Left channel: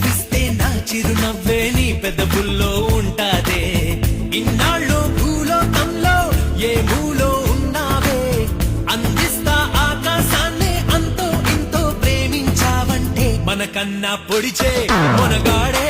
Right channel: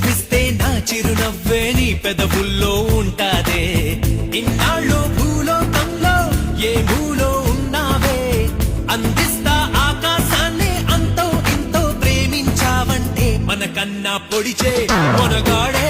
నవ్విస్తే నా చిరునవ్వే నీ పెదవుల్లో ఉంటాదే. ఇన్నాళ్ళు భూలోకంలో ఏ మూలో ఉన్నావే, అందిస్తా ఆకాశాన్ని అంతో ఇంతో ప్రేమించావంటే మనకన్నా పొడిచే మనగాడే